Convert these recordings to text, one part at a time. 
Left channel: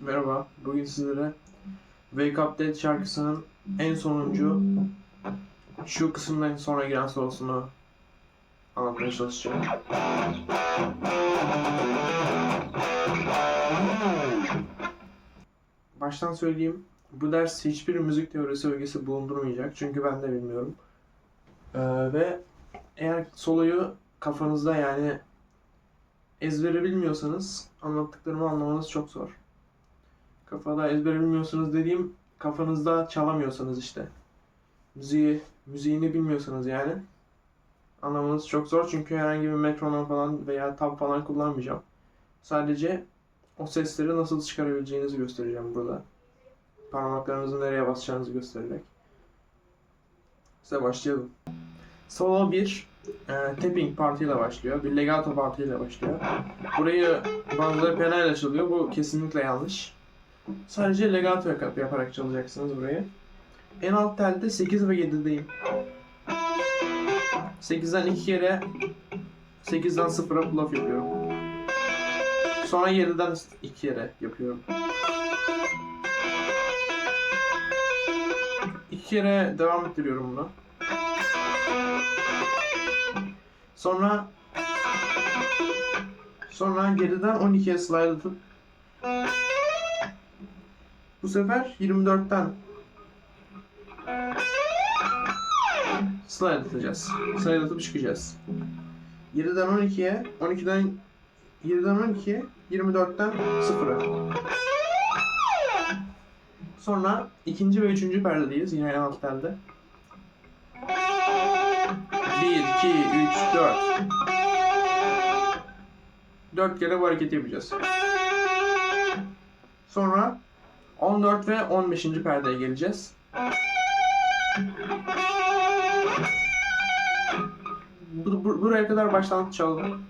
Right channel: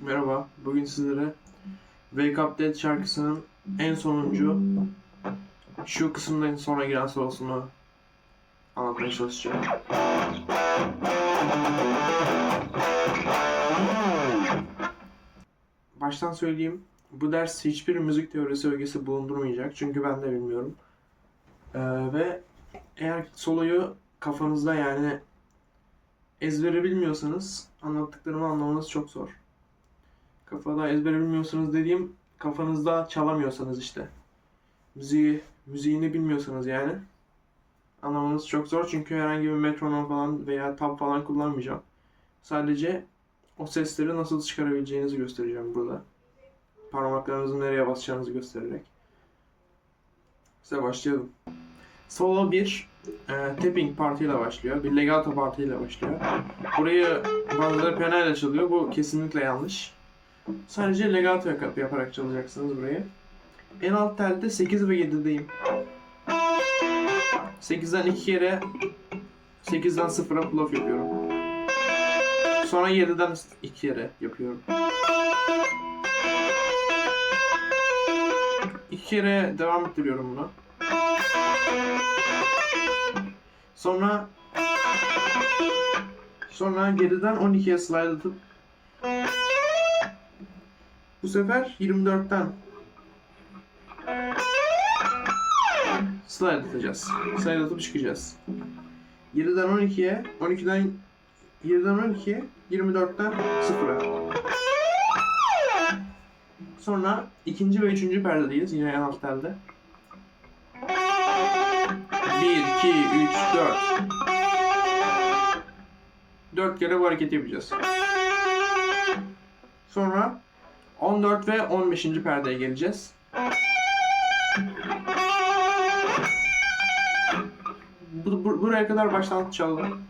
Merhaba, bugün sizlere Wake Up Dead şarkısının en sonuncu şu kısımdan sonra giren solosunu anlatmaya çalışacağım. Baştan söyleyeyim, bu ders hiçbir müzik teorisi ögesi bulundurmayacak çünkü ben de bilmiyorum. Ee, ve eğer soloyu kafanızda yani ezbere bilmiyorsanız anlattıklarımı anlamanız çok zor. Kafada ezber bilmiyorsunuz dediğim kafanızda çalamıyorsanız işte. Müziği, müziğini bilmiyorsanız yani. Anlamanız çok zor çünkü herhangi bir metronom falan veya tab falan kullanmayacağım. Sadece o sesleri nasıl çıkarabileceğinizi göstereceğim burada. Parmaklarınızı nereye basacağınızı göstererek. Size başlayalım. Solo 1 e, tapping partiyle başlıyor. Bir legato partiyle başlıyor. Burayı bazıları penayla çalıyor. Bu kesinlikle yanlış. Sadece legato yap- yaparak çalacaksınız burayı. En alt telde 8 ve 7'deyim. 8'den 2 kere 8'den 0'a pull off yapıyorum. Sonra 7'den 2 kere yapıyorum. 2 kere devam ettiriyorum bunu. Sonra sonra geriden 12'ye slide atıp bu sefer 24'ten slide atacağız. Slide atıp çıkacağız. 7'den 12'ye, 12'den 7'den 12'ye, 24'ten 0'a. Sonra ikinci ve üçüncü perdedeyiz. Yine en alt telde. 1, 2, 3, 4. 4 kere bu hareketi yapacağız. Sonra 14 ve 15. perdeye geleceğiz. Bu, bu- buraya kadar baştan çalalım.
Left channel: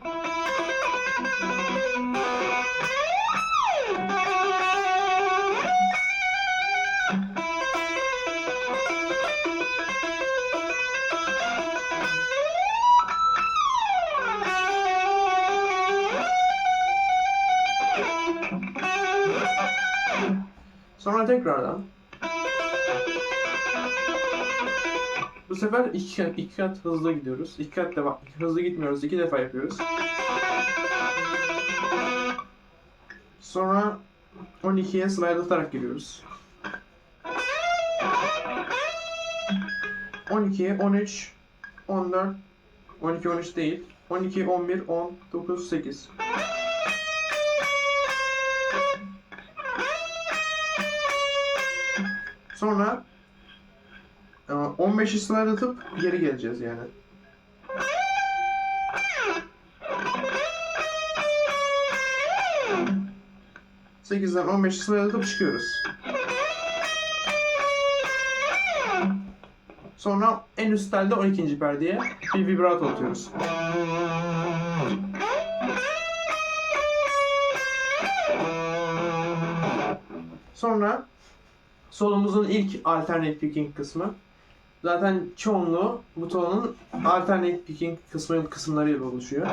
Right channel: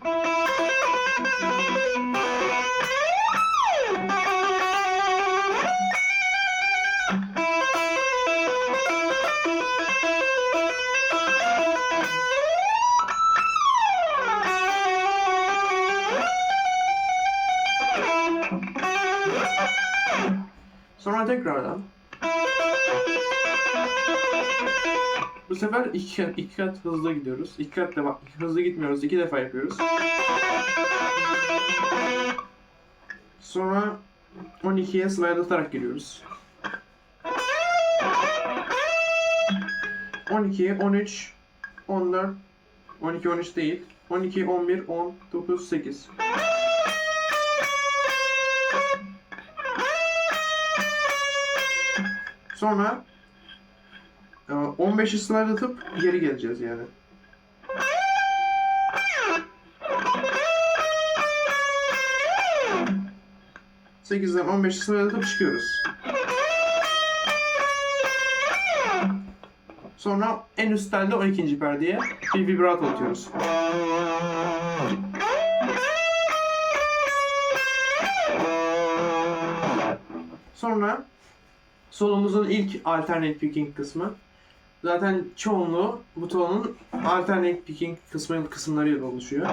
Sonra tekrardan. Bu sefer iki, iki kat hızlı gidiyoruz. İki kat defa, hızlı gitmiyoruz. iki defa yapıyoruz. Sonra 12'ye slide atarak giriyoruz. 12, 13, 14, 12, 13 değil. 12, 11, 10, 9, 8. Sonra e, 15'i slide atıp geri geleceğiz yani. Sekizden 15'i slide atıp çıkıyoruz. Sonra en üst telde 12. perdeye bir vibrato atıyoruz. Sonra solumuzun ilk alternate picking kısmı. Zaten çoğunluğu bu tonun alternate picking kısmı kısımlarıyla oluşuyor.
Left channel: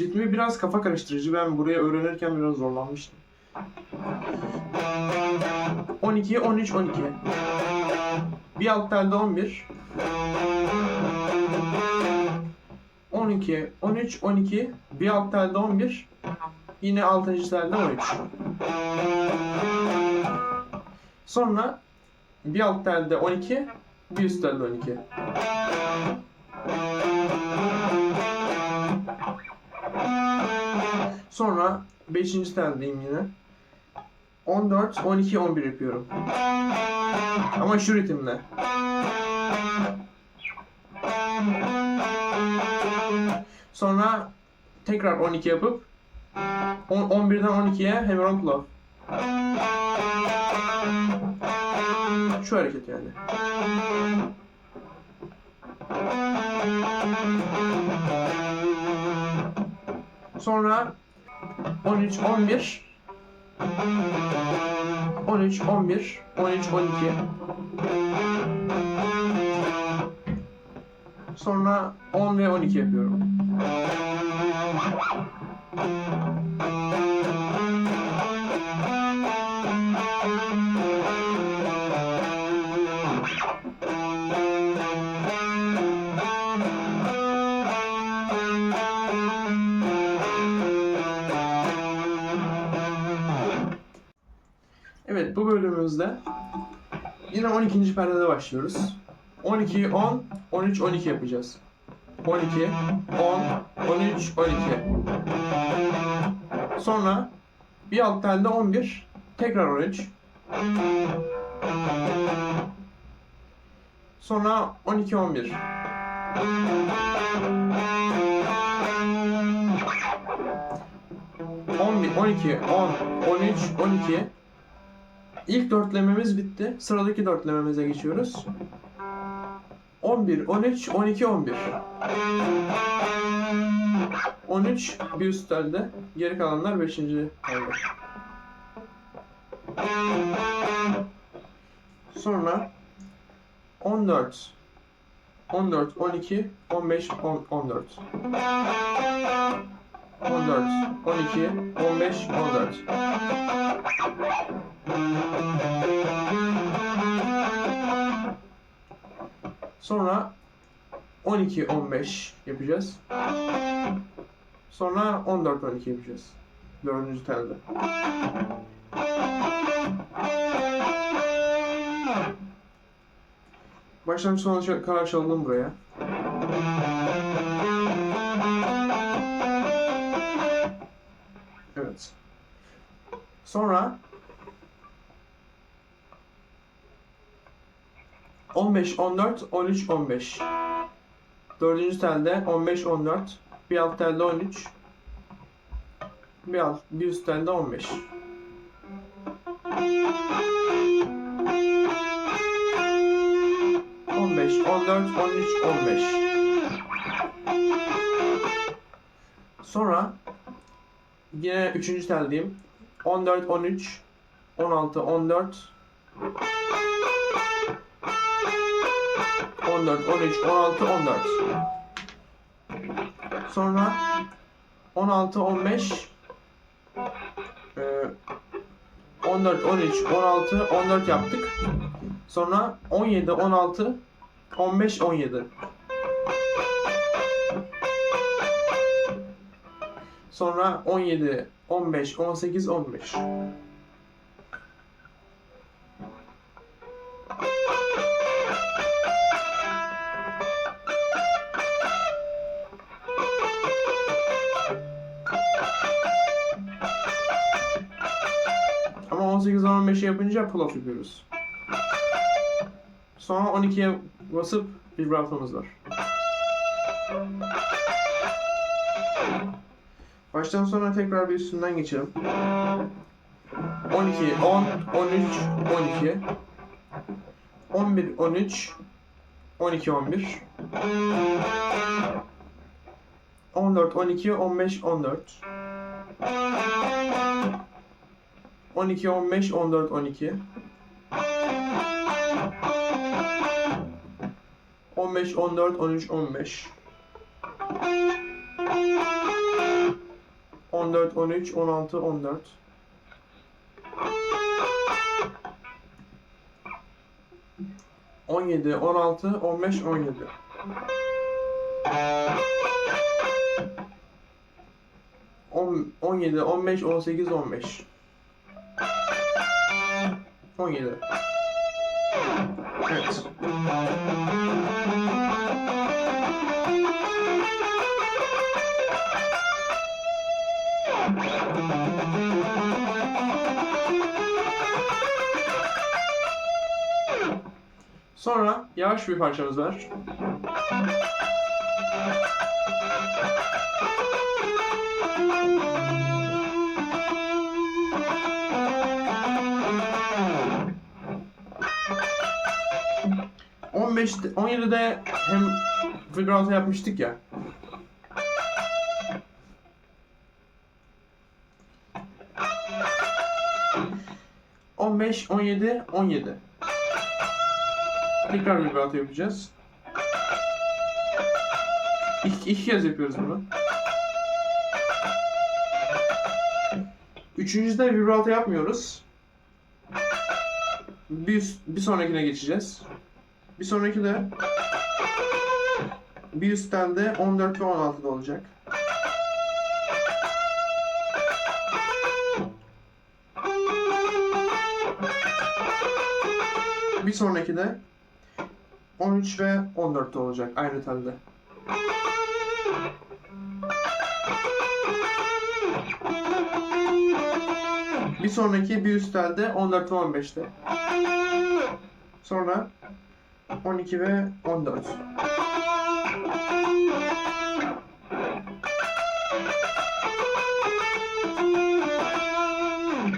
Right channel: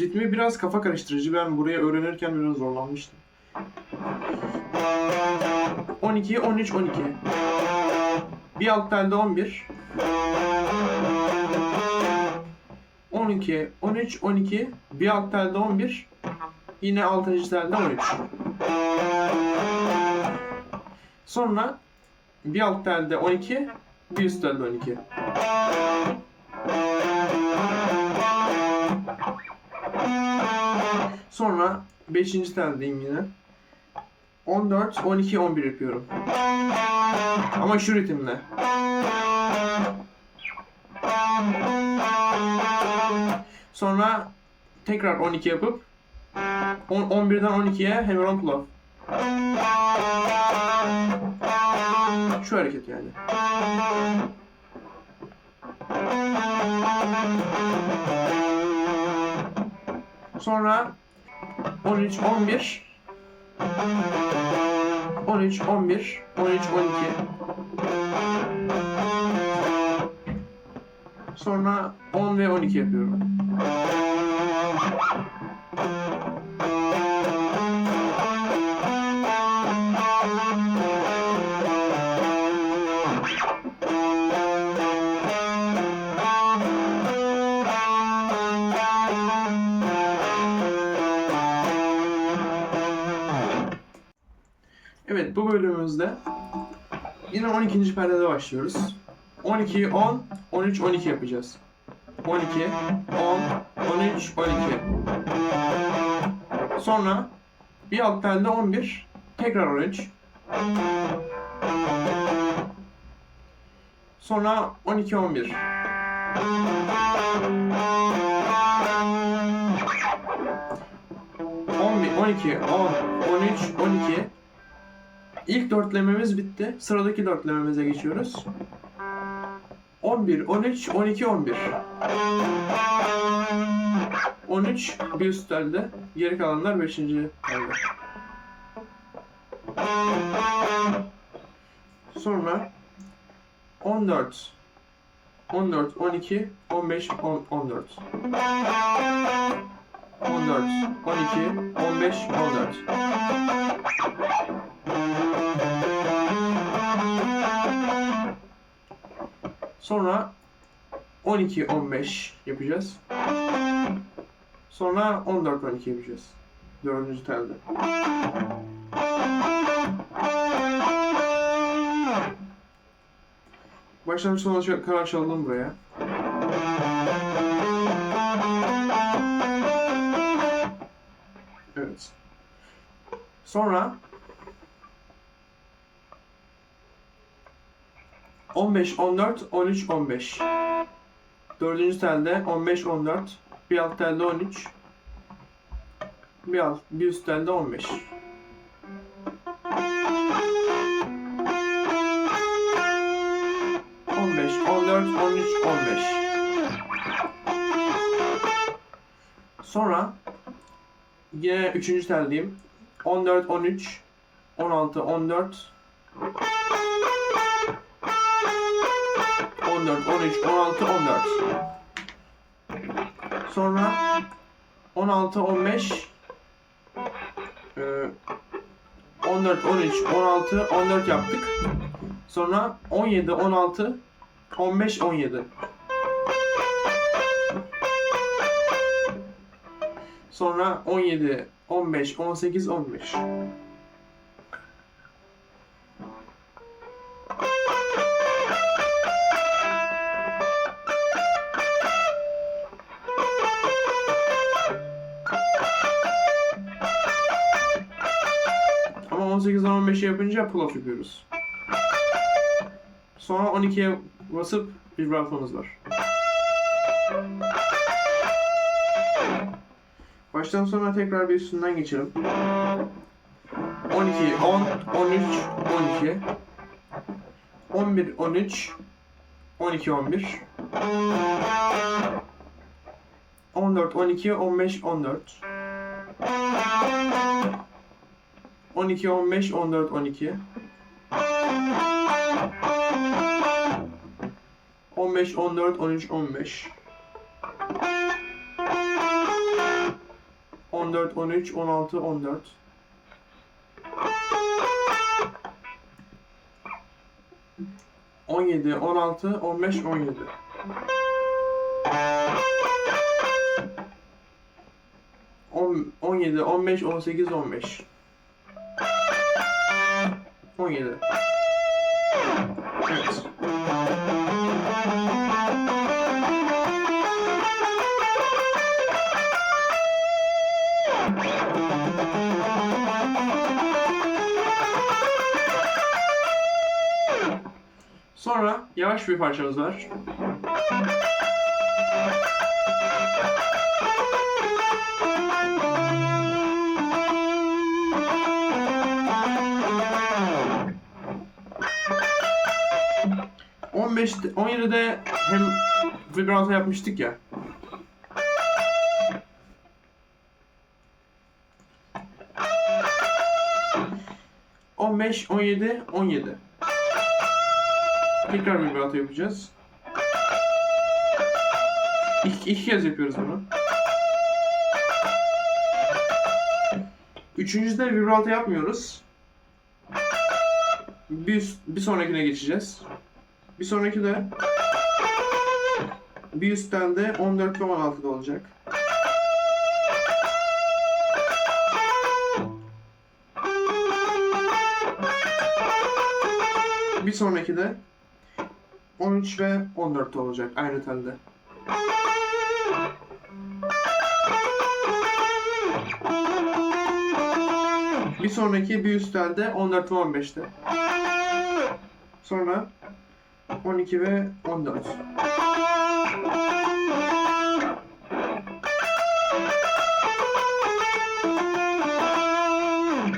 Ritmi biraz kafa karıştırıcı. Ben buraya öğrenirken biraz zorlanmıştım. 12, 13, 12. Bir alt telde 11. 12, 13, 12, bir alt telde 11, yine 6. telde 13. Sonra bir alt telde 12, bir üst telde 12. Sonra 5. teldeyim yine. 14, 12, 11 yapıyorum. Ama şu ritimle. Sonra tekrar 12 yapıp on- 11'den 12'ye Hammer Club. Şu hareket yani. Sonra 13, 11 13, 11 13, 12 Sonra 10 ve 12 yapıyorum. Evet bu bölümümüzde yine 12. perdede başlıyoruz. 12, 10, 13, 12 yapacağız. 12, 10, 13, 12. Sonra bir alt telde 11, tekrar 13. Sonra 12, 11. On bir, 12, 10, 13, 12. İlk dörtlememiz bitti. Sıradaki dörtlememize geçiyoruz. 11, 13, 12, 11. 13 bir üst telde. Geri kalanlar 5. telde. Sonra 14, 14, 12, 15, 10, 14. 14, 12, 15, 14. Sonra 12 15 yapacağız. Sonra 14 12 yapacağız. Dördüncü telde. Baştan sona kadar çalalım buraya. Evet. Sonra 15, 14, 13, 15. Dördüncü telde 15, 14. Bir alt telde 13. Bir alt, bir üst telde 15. On beş, on dört, on üç, on beş. Sonra yine üçüncü teldeyim. 14, 13, 16, 14, 14, 13, 16, 14. Sonra 16, 15, e, 14, 13, 16, 14 yaptık. Sonra 17, 16, 15, 17. Sonra 17, 15, 18, 15. Ama 18 15 yapınca pull off yapıyoruz. Sonra 12'ye basıp vibratomuz var. Baştan sona tekrar bir üstünden geçelim. 12, 10, 13, 12. 11, 13, 12, 11. 14, 12, 15, 14. 12, 15, 14, 12. 15, 14, 13, 15. 14, 13, 16, 14. 17, 16, 15, 17. On, 17, 15, 18, 15. 17. Evet. Sonra yavaş bir parçamız var. On beşte, 17'de hem vibrato yapmıştık ya. On beş, on yedi, on yedi. Tekrar vibrato yapacağız. İki, iki kez yapıyoruz bunu. Üçüncüde vibrato yapmıyoruz. Bir, bir sonrakine geçeceğiz. Bir sonraki de bir üstten de 14 ve 16'da olacak. Bir sonraki de 13 ve 14'te olacak aynı telde. Bir sonraki bir üst telde 14 ve 15'te. Sonra 12 ve 14.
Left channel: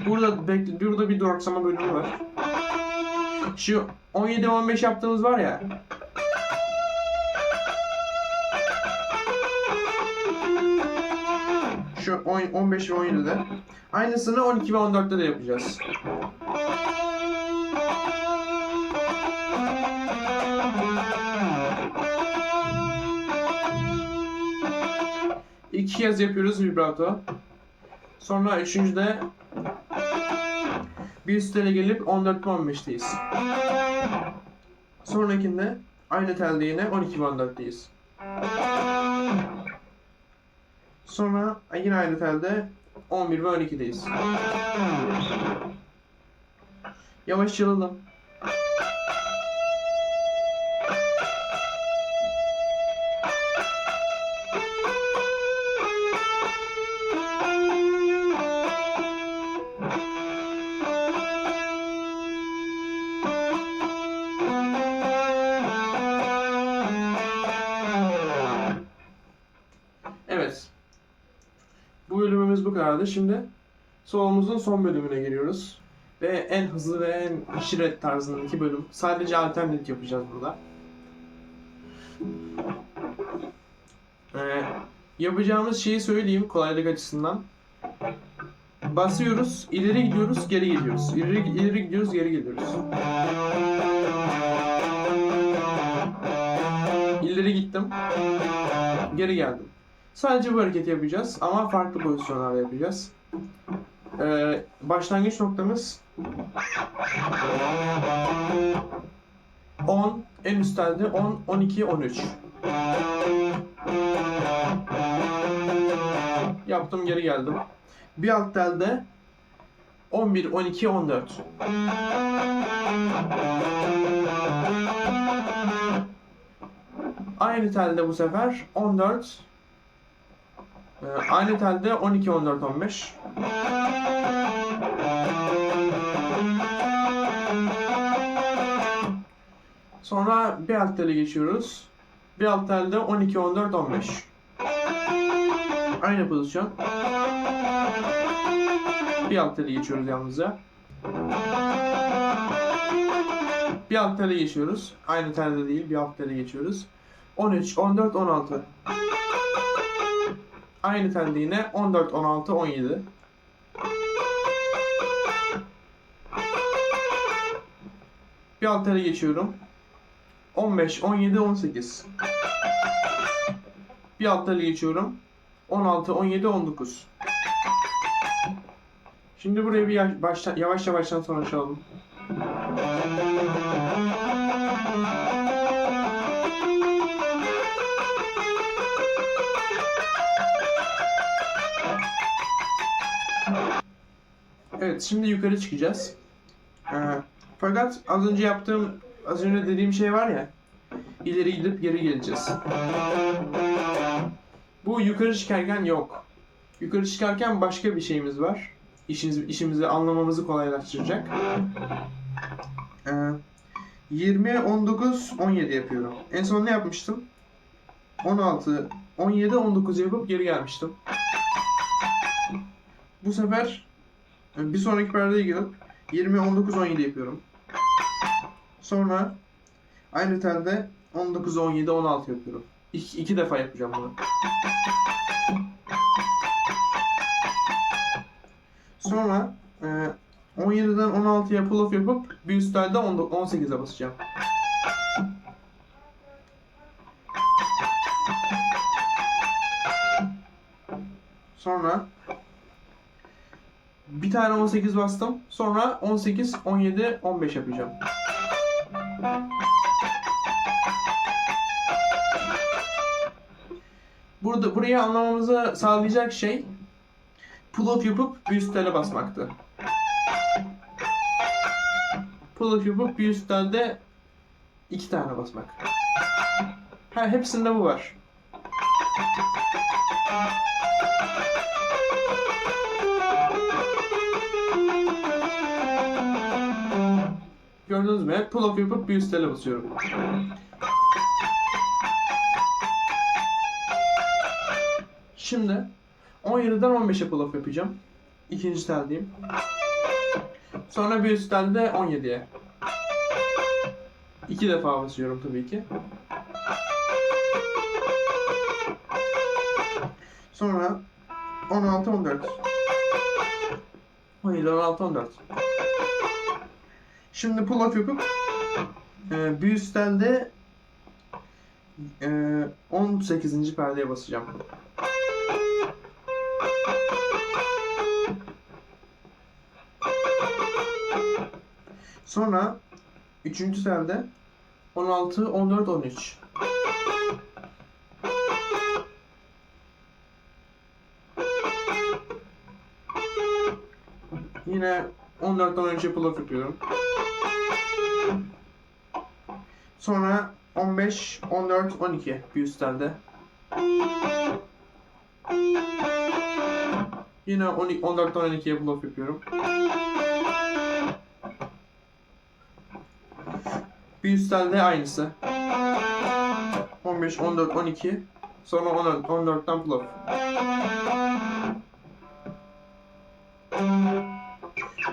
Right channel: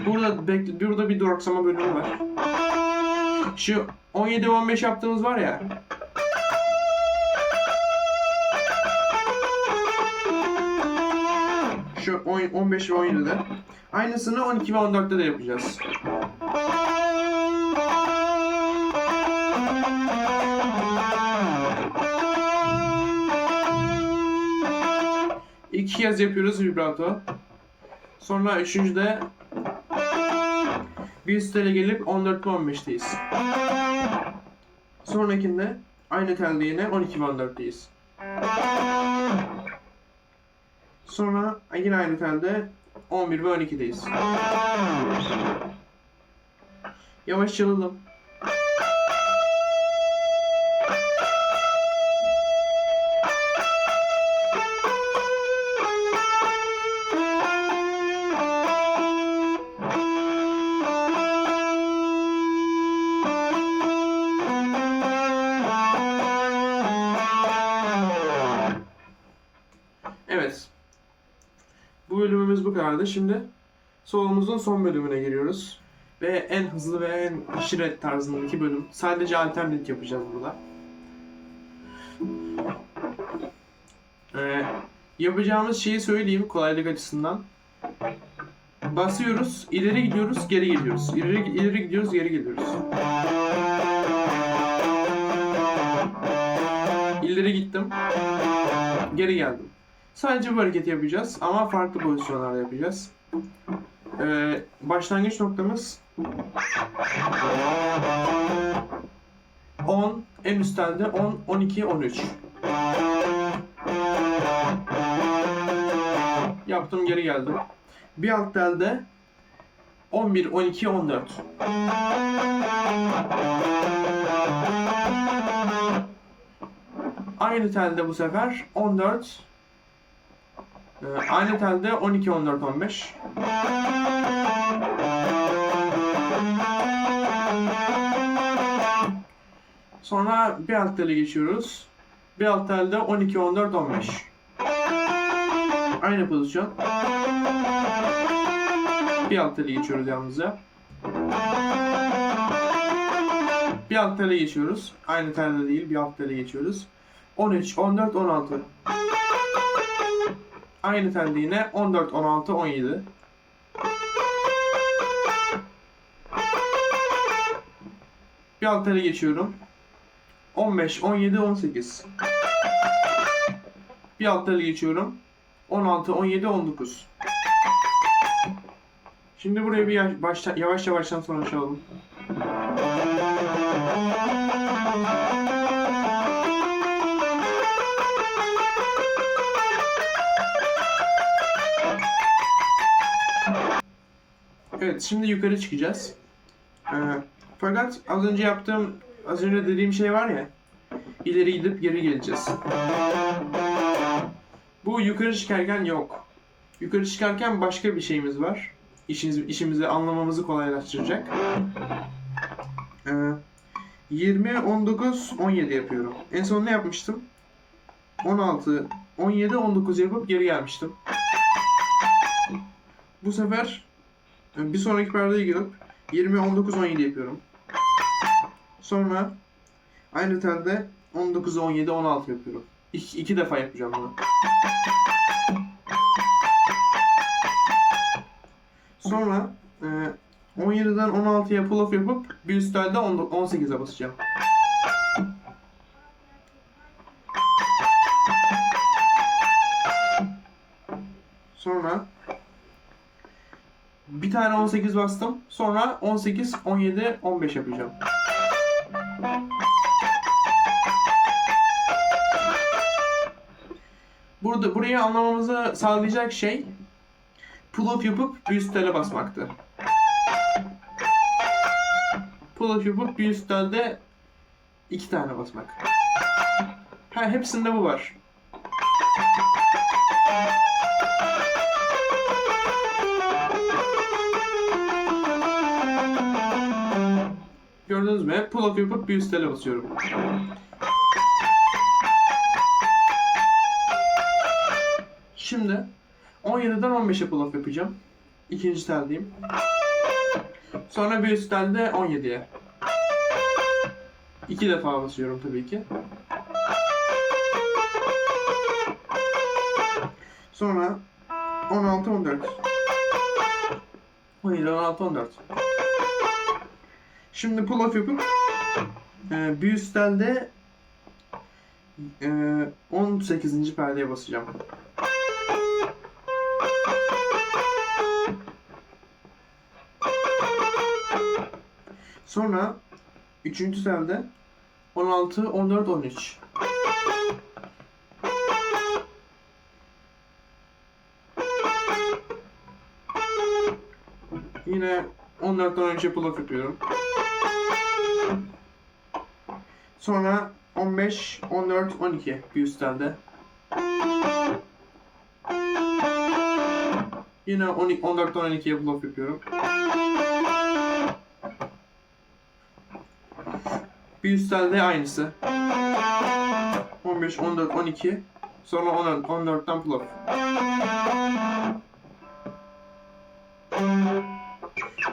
Burada bekle, burada bir duraksama bölümü var. Şu 17 ve 15 yaptığımız var ya. Şu 10 15 ve 17'de. Aynısını 12 ve 14'te de yapacağız. İki kez yapıyoruz vibrato. Sonra üçüncüde bir üst tele gelip 14 ve 15'teyiz. Sonrakinde aynı telde yine 12 ve 14'teyiz. Sonra yine aynı telde 11 ve 12'deyiz. Yavaş çalalım. Şimdi solomuzun son bölümüne giriyoruz. Ve en hızlı ve en şiret tarzındaki bölüm. Sadece alternate yapacağız burada. Ee, yapacağımız şeyi söyleyeyim kolaylık açısından. Basıyoruz, ileri gidiyoruz, geri geliyoruz. İleri, ileri gidiyoruz, geri geliyoruz. İleri gittim, geri geldim. Sadece bu hareketi yapacağız ama farklı pozisyonlarda yapacağız. Ee, başlangıç noktamız 10, en üst telde 10, 12, 13. Yaptım geri geldim. Bir alt telde 11, 12, 14. Aynı telde bu sefer 14, ee, aynı telde 12, 14, 15. Sonra bir alt tele geçiyoruz. Bir alt telde 12, 14, 15. Aynı pozisyon. Bir alt tele geçiyoruz yalnızca. Bir alt tele geçiyoruz. Aynı telde değil, bir alt tele geçiyoruz. 13, 14, 16. Aynı telde yine 14, 16, 17. Bir alt tele geçiyorum. 15, 17, 18. Bir alt tele geçiyorum. 16, 17, 19. Şimdi buraya bir başta, yavaş yavaştan sonra çalalım. Evet, şimdi yukarı çıkacağız. Ee, fakat az önce yaptığım, az önce dediğim şey var ya, ileri gidip geri geleceğiz. Bu yukarı çıkarken yok. Yukarı çıkarken başka bir şeyimiz var. İşimiz, işimizi anlamamızı kolaylaştıracak. Ee, 20, 19, 17 yapıyorum. En son ne yapmıştım? 16, 17, 19 yapıp geri gelmiştim. Bu sefer ee, bir sonraki perdeye gelip 20 19 17 yapıyorum. Sonra aynı telde 19 17 16 yapıyorum. İki, iki defa yapacağım bunu. Sonra e, 17'den 16'ya pull off yapıp bir üst telde 18'e basacağım. Sonra bir tane 18 bastım. Sonra 18, 17, 15 yapacağım. Burada burayı anlamamızı sağlayacak şey pull off yapıp bir üst tele basmaktı. Pull off yapıp bir üst telde iki tane basmak. Ha, hepsinde bu var. Gördünüz mü? Pull off yapıp bir üst tele basıyorum. Şimdi 17'den 15'e pull off yapacağım. İkinci teldeyim. Sonra bir üst telde 17'ye. İki defa basıyorum tabii ki. Sonra 16 14. 17 16 14. Şimdi pull off yapıp e, bir üst telde e, 18. perdeye basacağım. Sonra üçüncü telde 16, 14, 13. Yine 14'ten önce pull off yapıyorum. Sonra 15, 14, 12 bir üst. Yine 12, 14'ten 12'ye pull off yapıyorum. Bir üst aynısı. 15, 14, 12. Sonra 14, 14'ten pull off.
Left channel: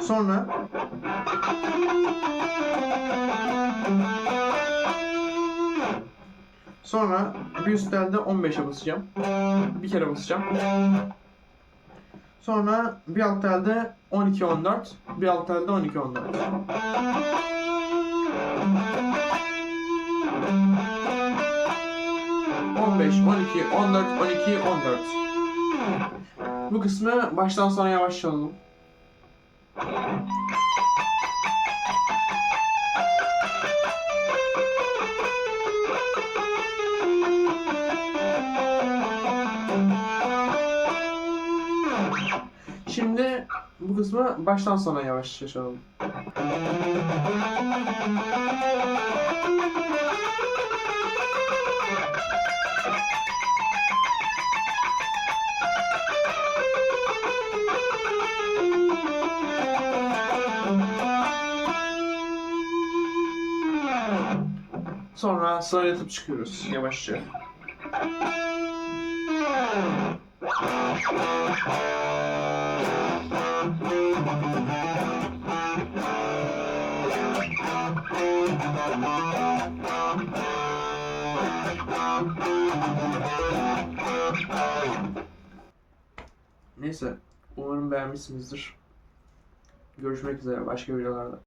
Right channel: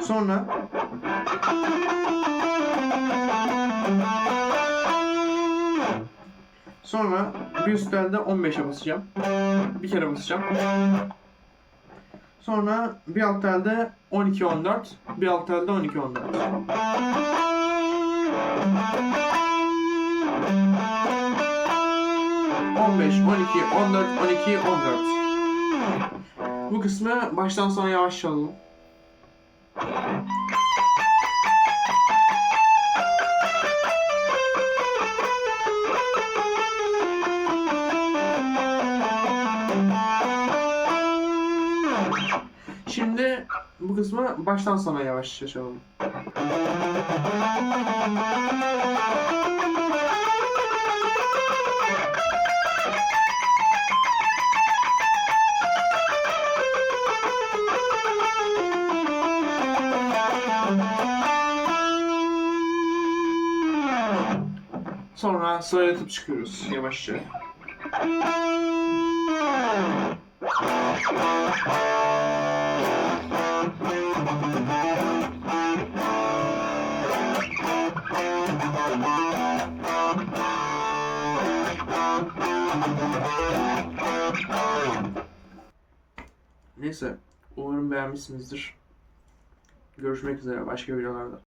Sonra bir üst telde 15'e basacağım. Bir kere basacağım. Sonra bir alt telde 12 14, bir alt telde 12 14. On beş, on iki, on dört, on iki, on dört. Bu kısmı baştan sona yavaş alalım. Bu kısmı baştan sona yavaş çalalım. Sonra sıralatıp çıkıyoruz yavaşça. Beğenmişsinizdir. Görüşmek üzere başka videolarda.